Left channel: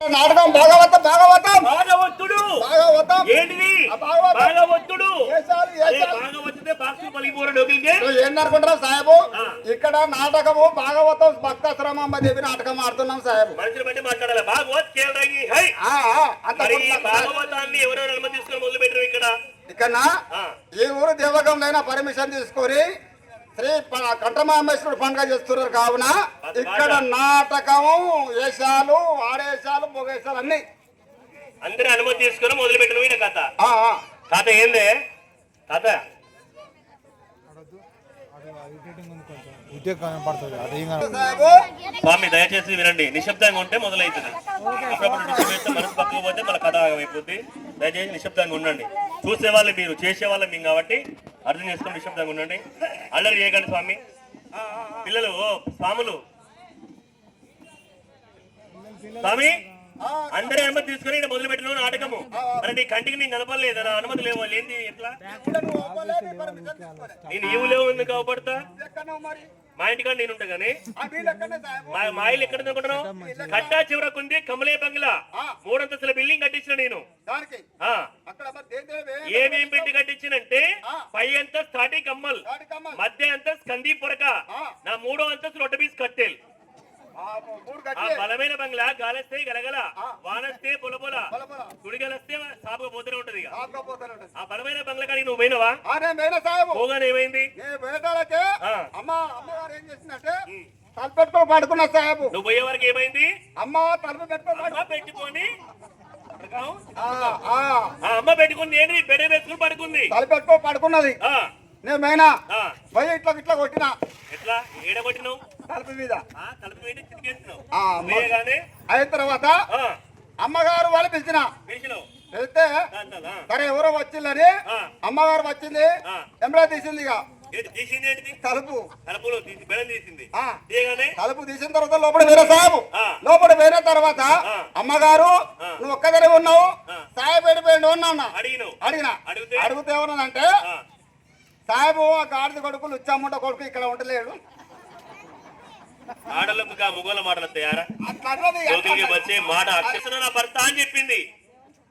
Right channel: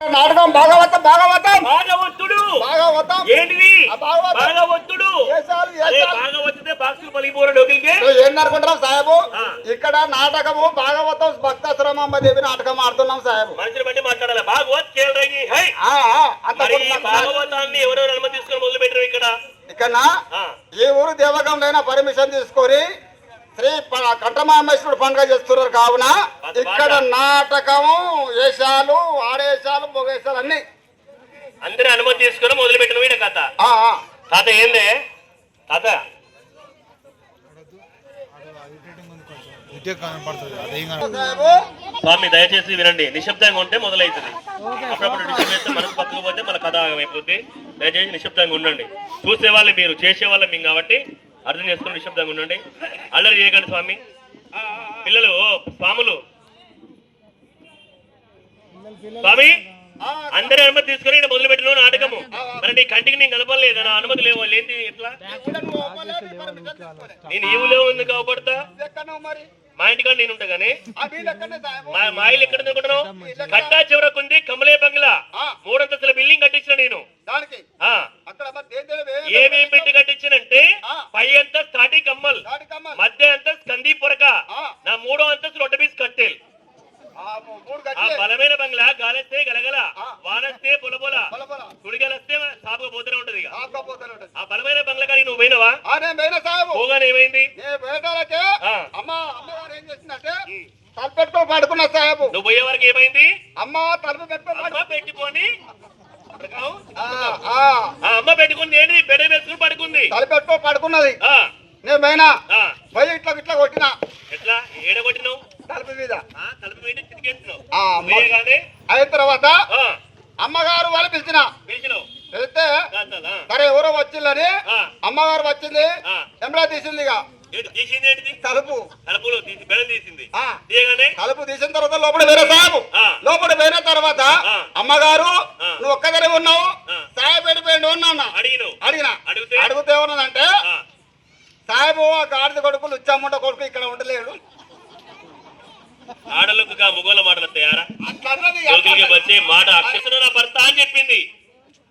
నాటకం భాగవతం భాగవతం భాగవతుడు భాగవతం ఏంటిది భాగవతుడు భాగవతుడే బాక్సు పలిపోర డోకిల్కే ఏందనుకుంటారా సాహెబు ఇక్కడ నాటకము భాగవతం భక్తాశ్రమమ్మ దేవి నాటకం ఆడుతున్నాం సాహెబు మనుషులు బట్టి మాట్లాడాలి భాగవత్ కేల్రగి హై భాగవతాన్ని ఎవరెవరు అనుమతి తీసుకొని మొదలు పెట్టారు ఇక్కడ ఈ ఊరు దేవగంలో పర్మిషన్ తీసుకొని శ్రీ కంఠమామేశ్వరుడు పండుగ చేస్తున్నారు కావున ఇక్కడ నాటకము వేషాలు ఆడేశాలు మొగేశాలు అన్ని అందరూ అనుమతి తీసుకొని మొదలు పెట్టిన కథ కథ ఏందే కథ స్వామి దయచేసి వినండి నిశ్శబ్దంగా ఉంటే మొదలవుతుంది అప్పుడప్పుడు డిస్టర్బ్ చేస్తే మనసు పక్కకు పోతే మన కథ అయిపోతుంది దయచేసి నిశ్శబ్దంగా ఉండండి చూసేవాళ్ళు మీరు చేసేవాళ్ళు మేము కాబట్టి అర్థం చేసుకుని నిశ్శబ్దంగా ఉండండి అల్లరి చేయకండి స్వామి పిల్లలు స్వాములు స్వామి అందరి అనుమతి తీసుకుని మొదలు పెట్టిన నాటకము మరి నీ కంటికి నేను కనపడలేదు నా అనుమతి లేవు వాళ్ళు ఏంటి ఎట్లా నేను ఈవు లేవు ఎందుకు అవపడతా మా ఇంటికాడ నేను ఉంటా గానీ మా ఇల్లు ఎక్కడ అనుకుంటున్నావు కట్టా చివరకుంది కమలే బంగ్లా 3 అంతస్తుల బిల్డింగ్ కట్టించిన నేను ఏమేం పెట్టి కట్టించినంటే పై అంతా స్టార్టింగ్ కమ్మల్ మధ్య అంతా స్కందీ పొరక నా 3వ అంతస్తు రొట్టబీస్ కట్టేలు బలమైన బంగ్లా గాలస్తే గలగల వానస్తే పొలపొల కుడిగలస్తే సాపుగా పోతూనే ఉంటది ఆ బలమైన బంగ్లా కానీ నువ్వు పోయినవా పోగానే ఏమైంది తలపెట్టుకో పడుకున్నా సాహెబు నువ్వు పోయే వరకు ఏమైంది అమ్మ తలుపు పెట్టుకొని అమ్మ పెట్టుకుంది ఏంటి బెడ వేసుకుని పడుకుంది తలపెట్టుకో పడుకున్నది నేను పోయినా పోయి ఇట్లా ఇట్లా కొట్టినా ఎట్లా ఏడ కొట్టినావు తలుపు మీద అయిన తర్వాత అమ్మగారు వాళ్ళు పిలిచినావు పిలిస్తే సరే ఎవరో వచ్చిందని అమ్మగారు వచ్చింది ఎమ్రా తీసింది తలుపు తలుపు తీసిన తర్వాత లోపల వేరే సాహెబు లోపల వేరే తర్వాత అమ్మగారు నువ్వు ఒక్కదరి ఉన్నావు సాహెబ్ ఎడిపోయిన ఉన్నా అడిగినా అడిగితే ఏమన్నదంటే సాహెబు గాడిద కొడుకులు ఇచ్చామంట కొడుకు ఇక్కడ ఉండలేడు ఆడలకు మొగోళ్ళ మాటలు వస్తాయారా వచ్చే మాట అక్షర నా భర్త అని చెప్పింది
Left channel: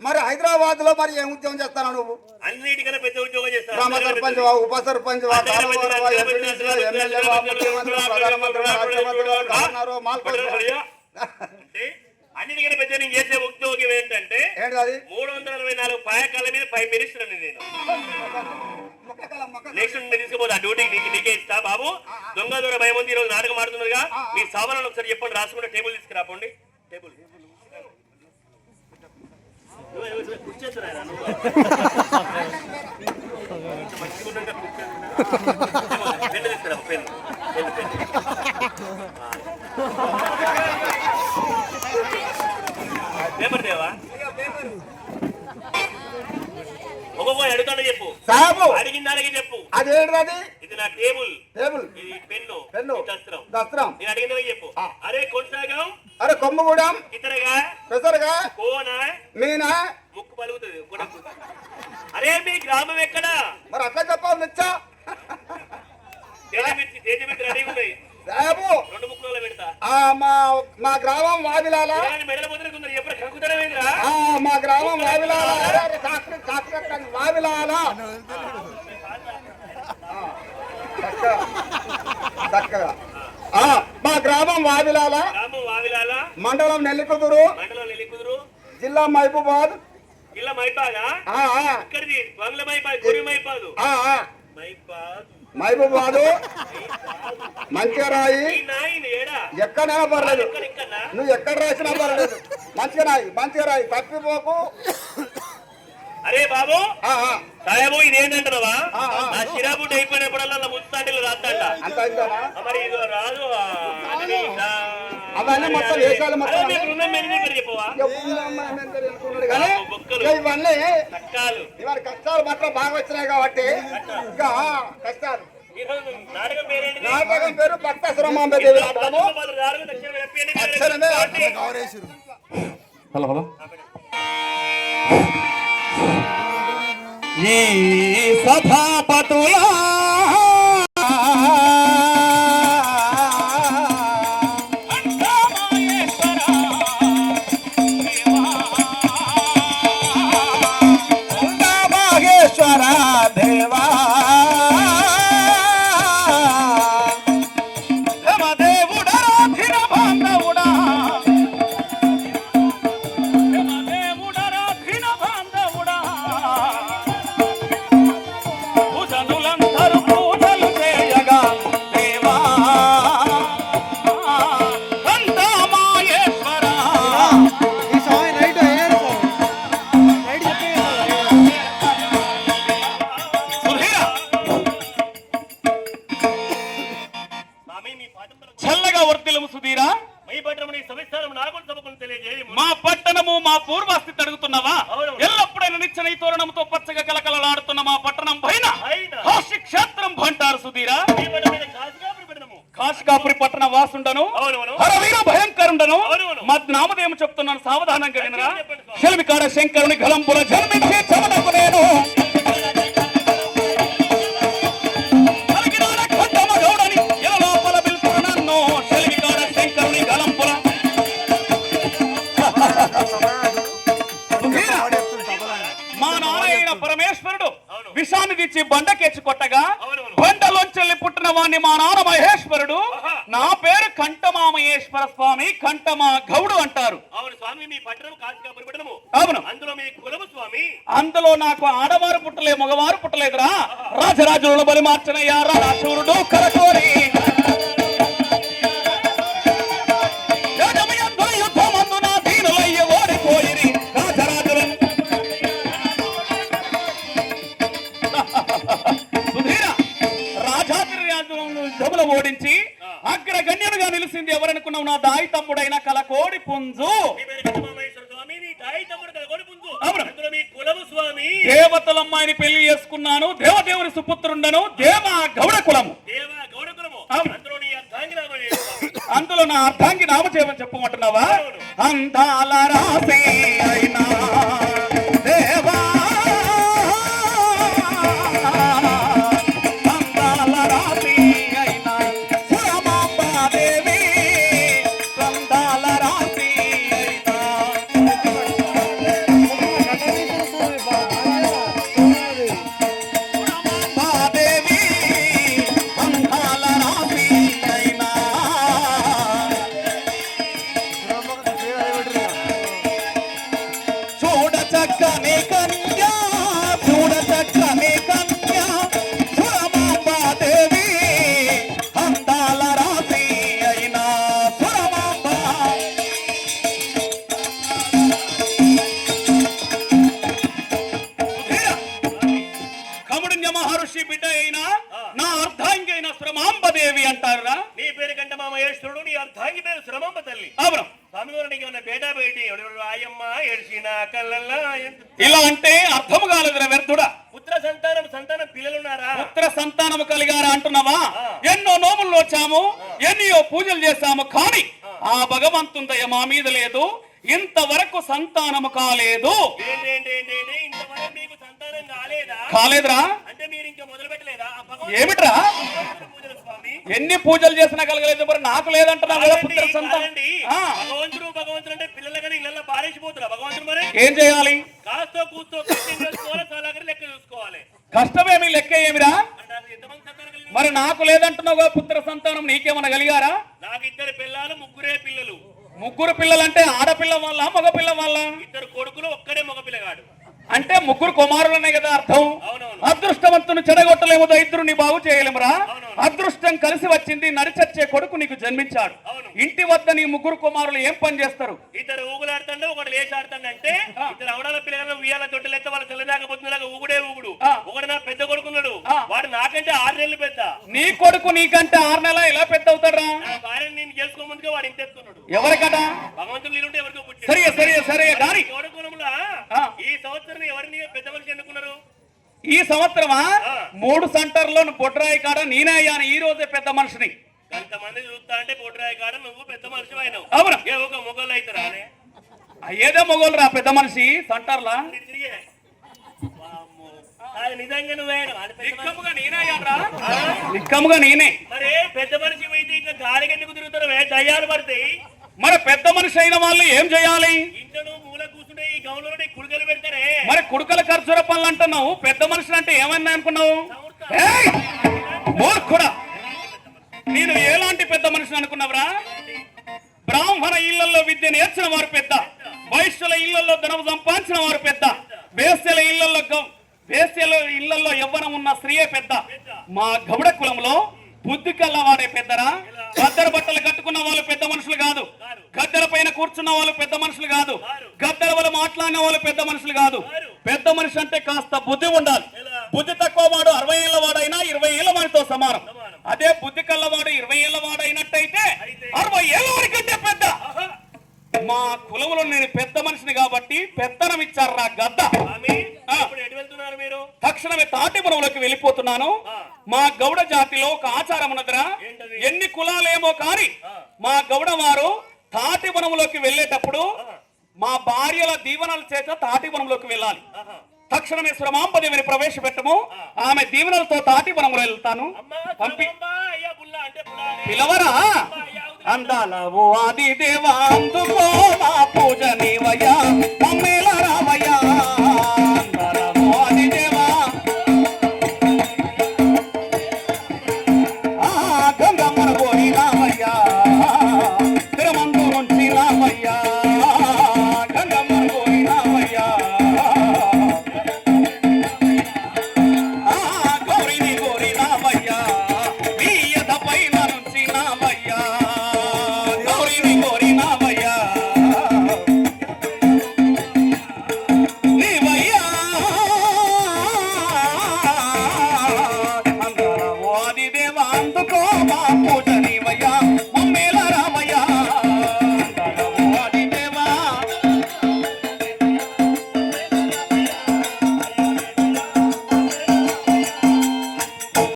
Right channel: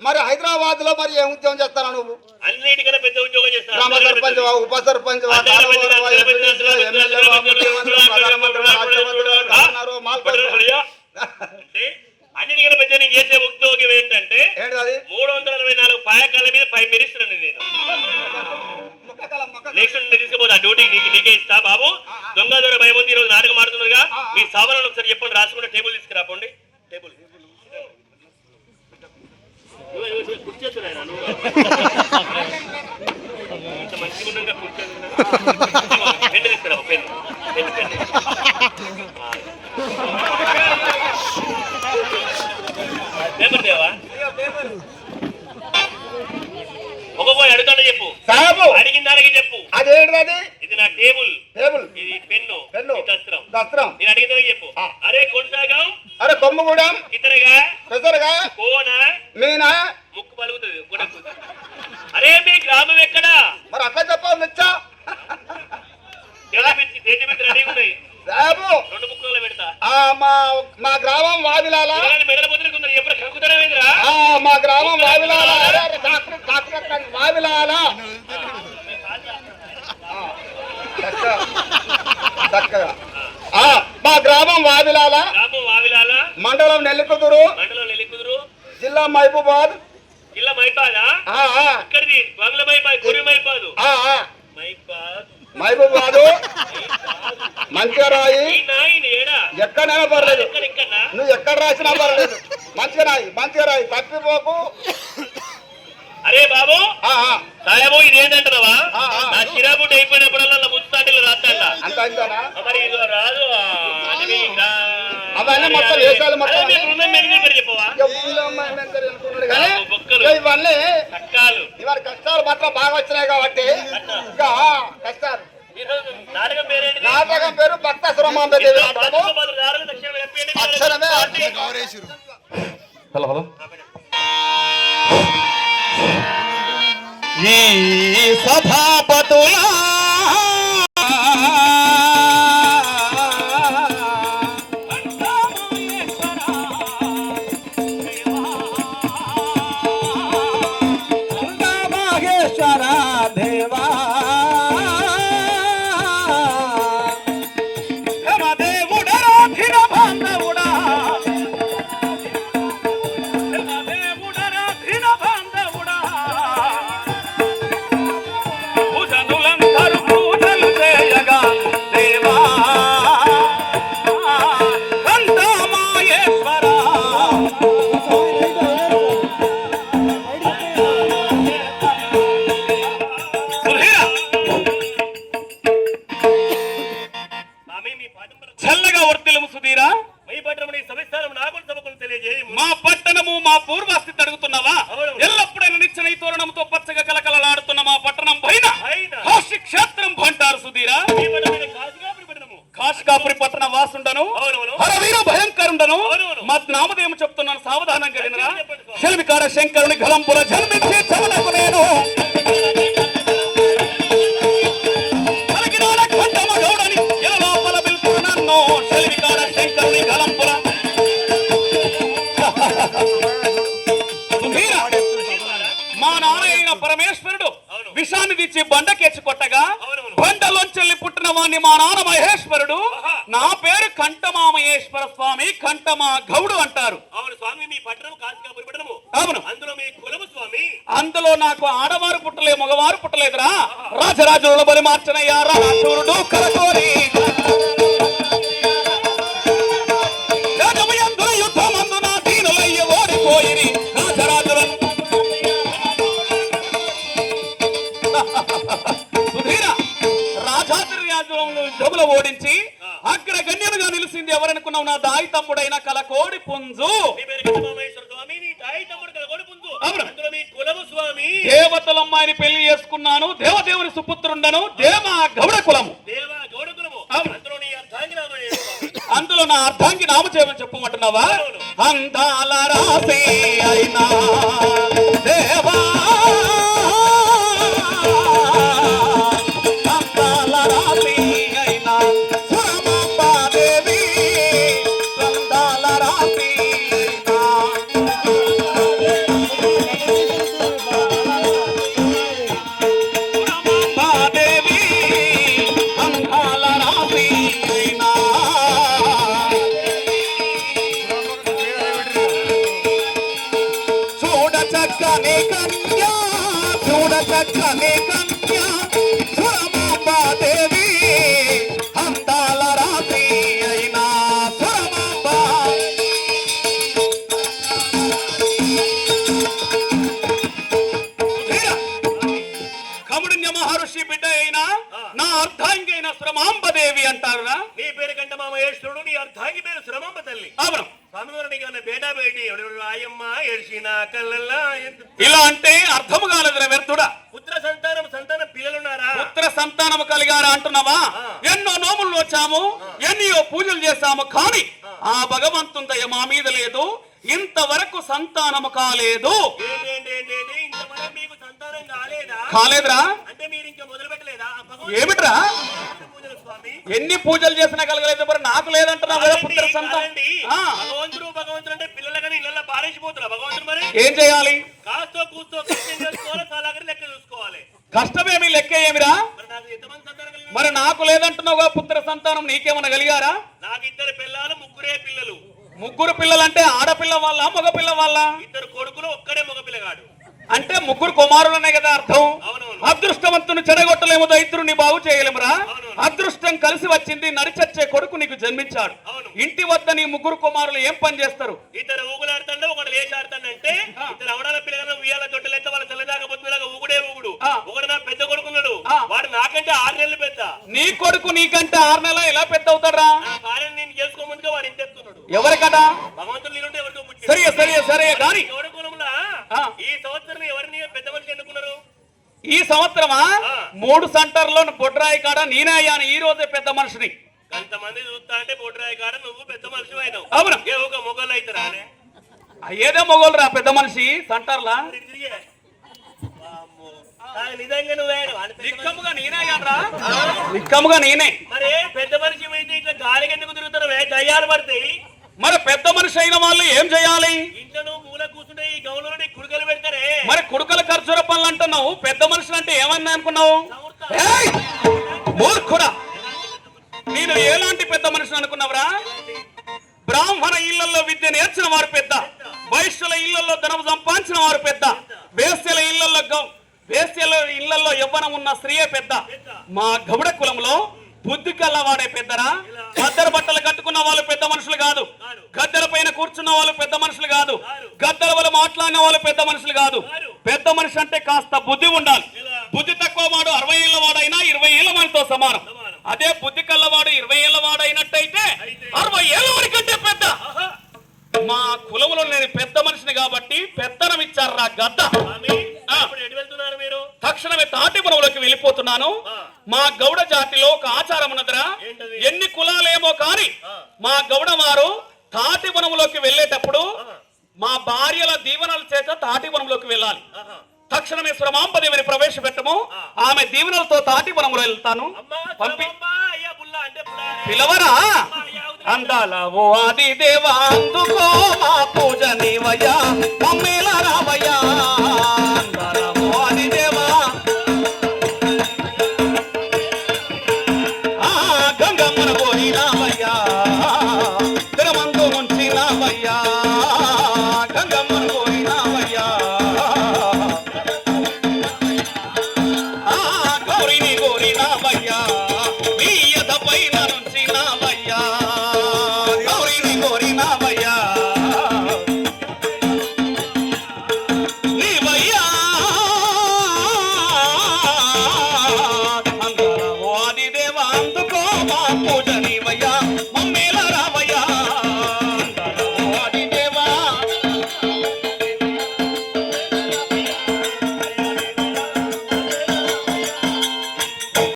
మరి హైదరాబాద్ లో మరి ఏం ఉద్యోగం చేస్తాను నువ్వు అన్నిటికన్నా పెద్ద ఉద్యోగం చేస్తాను గ్రామ సర్పంచ్ ఉప సర్పంచ్ అన్నిటికన్నా పెద్ద నేను చేసే ఉద్యోగం ఏంటంటే 364 పాయకాల మీద 5 మినిస్టర్ని నేను నెక్స్ట్ తీసుకుపోతే ఆ డ్యూటీ నీకే ఇస్తా బాబు దొంగ దొర భయం ఉంది ఈరోజు నాటకం ఆడుతున్నదిగా మీ సామాన్లు ఒకసారి చెప్పండి రాసుకుంటే టేబుల్ తీసుకురాపోండి టేబుల్ పెన్ను తీసుకురా పెన్ను పెన్ను పెన్ను పేపర్ దేవా ఒక్కొక్క అడుగుతాడో చెప్పు సాబు అడిగిన దానికి చెప్పు అదేంటది ఇది నా టేబుల్ టేబుల్ ఇది పెన్ను దస్త్రం దస్త్రం నేను అడిగిన దానికి చెప్పు అరే కొనసాగం అరే కొమ్మగూడెం ఇతరగా పెసరగా కోన మీనా ముక్కు పలుకుతుంది అరే మీ గ్రామం ఎక్కడా మరి అట్లా చెప్పాలి నిచ్చా తేజ మిత్ర రెడీగా ఉన్నాయి సాబు 2 ముక్కలు పెడతా మా గ్రామం వావిలాల మెడల ముద్రకుందరు ఎప్పుడు కలుగుతారా మా గ్రామం వావిలాల వావిలాల మా గ్రామం వావిలాల మండలం నెల్లికుదురు జిల్లా మహబూబాద్ ఇక్కడిది బంగ్లా మైపాద్ గురి మైపాదు మహబూబాద్ మంచిరాయి ఎక్కడైనా పర్లేదు నువ్వు ఎక్కడ రాసినా పర్లేదు మంచిరాయి తప్పిపోకు అరే బాబు సాయబు ఇదేంటంటావా నా చిరాబుడ్డ అయిపోయినప్పుడల్లా ముస్తాటిలు రాస్తాడా మరి ఇది రాదు అవన్నీ మొత్తం వేసాలు మొత్తం చెప్పవా ఇవన్నీ ఇవాళ కష్టాలు మాత్రం బాగా వచ్చినాయి కాబట్టి ఇంకా కష్టాలు నాటకం పేరు భక్తాశ్రమం అక్షరమే హలో హలో ఈ సభాపతుల నిదానంగా వినరా. శిల్పికాడ శంకరుని గలంపుర జన్మించే చవలకు నేను పలికినాడ కంఠమ గౌడని ఇలా లోపల పిలుపుడు నన్ను. శిల్పికాడ శంకరుని గలంపుర మా నారాయణ పరమేశ్వరుడు విషాన్ని తెచ్చి బండకెచ్చి కొట్టగా బండలోంచెల్లి పుట్టిన వాణ్ణి మా నాన్న మహేశ్వరుడు. నా పేరు కంఠమామయేశ్వర స్వామి, కంఠమా గౌడు అంటారు. అవును స్వామి, మీ పట్టణం కాశీకాపురి పట్టణము. అవును, అందులో మీ కులము స్వామి. అందులో నాకు ఆడవారు పుట్టలే, మగవారు పుట్టలేదురా. రాజరాజుల బలి మార్చనయ్యా రాజూరుడు కరకోరి యుద్ధమందున దీనులయ్య ఓడిపోయిరి రాజరాజులను. సుధీర రాజాద్రి రాజులను యుద్ధములు ఓడించి అగ్రగణ్యుడుగా నిలిచింది ఎవరనుకున్నావు? నా దాయి తమ్ముడైన కలకోడి పుంజు. దేవతల అమ్మాయిని పెళ్లి చేసుకున్నాను, దేవదేవుని సుపుత్రుండను, దేవ గౌడ కులము. అందులో నా అర్ధాంగి నామచేయమని చెప్పమంటున్నావా? అందాల రాసే అయినా దేవా, అందాల రాసే అయినా సురమాంబాదేవి, అందాల రాసే అయినా సురమాంబాదేవి, అందాల రాసే అయినా. చూడ చక్కని కన్యా, చూడ చక్కని కన్యా సురమాంబాదేవి, అందాల రాశి అయినా సురమాంబ. కముడున్య మహర్షి బిడ్డ అయినా నా అర్ధాంగి అయిన సురమాంబదేవి అంటారురా. నీ పేరు కంఠమామయేశ్వరుడు, నీ అర్ధాంగి పేరు శ్రమంబ తల్లి. అవును, బేటా బేటి ఆయమ్మ ఏడ్చిన కళ్ళల్లా ఇలా అంటే అర్థము కాలేదురా వ్యర్థుడా. పుత్ర సంతానం పిల్లలున్నారా? పుత్ర సంతానము కలిగారా అంటున్నావా? ఎన్నో నోములు వచ్చాము, ఎన్నో పూజలు చేశాము, కానీ ఆ భగవంతుని దయ మా మీద లేదు. ఇంతవరకు సంతానము కాలేదు. ఇంతవరకు మీకు సంతానం కాలేదా? కాలేదురా. అంటే మీరు ఇంకా మొదలు పెట్టలేదా? ఏమిట్రా పూజలు స్వామి, ఎన్ని పూజలు చేసినా కలగలేదు, మరి నాకు లేదంటున్నావు కదా పుత్ర సంతానం. భగవంతుడు అంటే పిల్లలకని ఇళ్ళ పారేసిపోతున్నా భగవంతుడు. మరి ఏం చేయాలి? కాస్తో కూస్తో లెక్క చూసుకోవాలి. కష్టమేమి లెక్క ఏమిరా? మరి నాకు ఎంతమంది సంతానం కలిగి? మరి నాకు లేదంటున్నావు కదా పుత్ర సంతానం, నీకేమన్నా కలిగారా? నాకు 2 పిల్లలు, 3 పిల్లలు. 3 పిల్లలంటే ఆడపిల్ల వాళ్ళ మగ పిల్ల వాళ్ళ? 2 కొడుకులు, ఒక్కడే మగ పిల్లగాడు. అంటే 3 కుమారులనే కదా అర్థం. అవునవును. అదృష్టవంతుని చెడగొట్టలేము, దైత్రుని బాగు చేయలేమురా. అదృష్టం కలిసి వచ్చింది, నడిచచ్చే కొడుకు నీకు జన్మించాడు. ఇంటి వద్ద నీ 3 కుమారులు ఏం పని చేస్తారు? ఇద్దరు ఊగులాడుతుండే, ఒకడు లేచాడుతాడంటే ఇద్దరు అవడాల పిల్లలు ఉయ్యాల తొట్టెలెత్తే వాళ్ళ తెల్లదాకపోతున్నాగా ఊగుడే ఊగుడు. ఒకడు నా పెద్ద కొడుకున్నాడు, వాడు నాకంటే 6 నెలలు పెద్ద. నీ కొడుకు నీకంటే 6 నెలల ఎలా పెద్ద అవుతాడా? నా భార్యను నేను చేసుకోముందుగా వాడు ఇంత ఎత్తున్నాడు. ఎవరికదా? భగవంతుడు నేనుంటే ఎవరికో పుట్టాడు. సరే సరే సరే గాని కొడుకులములా ఈ సంవత్సరం ఎవరిని పెద్ద మనిషి ఎన్నుకున్నారు? ఈ సంవత్సరమా 3 సెంటర్లో బొడ్రాయి కాడ నేనే అయ్యాను ఈ రోజే పెద్ద మనిషిని. కొంతమంది చూస్తా అంటే బొడ్రాయి కాడ నువ్వు పెద్ద మనిషి అయినావు. అవును, ఏ ఒక మొగలు అయితే రానే ఏదో మొగోలు రా పెద్ద మనిషి సెంటర్లా. నిజంగా నువ్వేను నిక్కముగా నేనే అయ్యానురా, నిక్కముగా నేనే. మరి పెద్ద మనిషి అయితే ఇట్లా గాలికి ఎందుకు తిరుగుతున్నావే? దయ్యాలు పడతాయి. మరి పెద్ద మనిషి అయిన వాళ్ళు ఏం చేయాలి? ఇంట్లో నువ్వు మూల కూర్చుంటే ఈ గౌలో కుడుకలు పెడతారే. మరి కుడుకల ఖర్చుల పనులు అంటున్నావు, పెద్ద మనుషులు అంటే ఏమన్నా అనుకున్నావు? మూర్ఖుడా, నేను ఎలాంటి పెద్ద మనుషులు అనుకున్నావురా? బ్రాహ్మణ ఇళ్లలో విద్య నేర్చిన వారు పెద్ద, వైశ్యుల ఇళ్లలో ధనం సంపాదించిన వారు పెద్ద, వేశ్యల ఇళ్లలో యవ్వనం ఉన్న స్త్రీయే పెద్ద. మా గౌడ కులంలో బుద్ధి కల్లవాడే పెద్దరా. గద్దెల బట్టలు కట్టుకున్న వాళ్ళు పెద్ద మనుషులు కాదు, గద్దెల పైన కూర్చున్న వాళ్ళు పెద్ద మనుషులు కాదు, గద్దెల వల్ల మాట్లాడిన వాళ్ళు పెద్ద మనుషులు కాదు. పెద్ద మనిషి అంటే కాస్త బుద్ధి ఉండాలి. బుద్ధి తక్కువ వాడు 60 ఏళ్ల వాడైనా 20 ఏళ్ల వాడితో సమానం. అదే బుద్ధి కల్లవాడు 20 ఏళ్ల వాడైనట్టయితే 60 ఏళ్ల వాడికంటే పెద్ద. మా కులములో నేను పెద్ద మనిషిని కాబట్టి పెత్తనం ఇచ్చారు నా గద్ద. తక్షణమే తాటిపురంలోకి వెళ్ళిపోతున్నాను. మా గౌడ జాతిలో ఒక ఆచారం ఉన్నదిరా, ఎన్ని కులాలేమో కానీ మా గౌడ వారు తాటిపురంలోకి వెళ్ళేటప్పుడు మా భార్యల దీవెనల చేత తాటివనంలోకి వెళ్ళాలి. తక్షణమే సురమాంబదేవిని ప్రవేశపెట్టము. ఆమె దీవెనలతో తాటివనంలో వెళ్తాను. పంపి పిలవరా అందాల ఓ ఆది దేవా అందుకో మా పూజ